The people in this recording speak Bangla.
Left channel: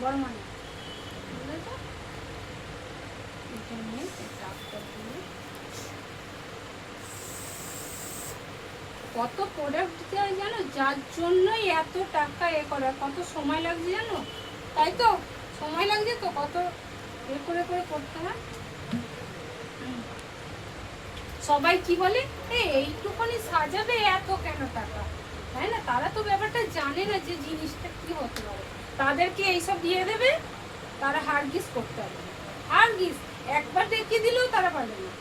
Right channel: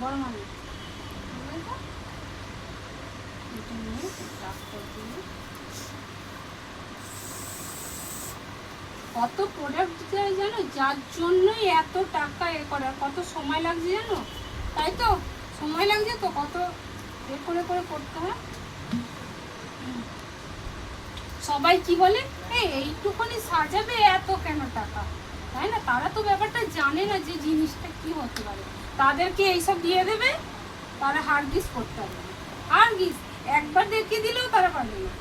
বড় মানে এটা নিয়ে ডাক্তার দিয়ে কত প্রোডাক্ট যায় জানো, যার জন্যই এত টাকা এ করে, কত সময় লাগছে জানো, তাই তো সময় লাগছে তো, কত এ করে করে করতে হয়। সবাই কি বলে, এইটুখানি সাজাবে এত কেন টাকা, তাই না? তারা তো ব্যাপারটা জানে না যে জিনিসটা কি হতে পারে। তাদেরকে এইসব দিয়ে দেবে, তারা হারগিস করতে হবে। হারগিস একবার দেখিয়ে দিলেও তারা পারবে না।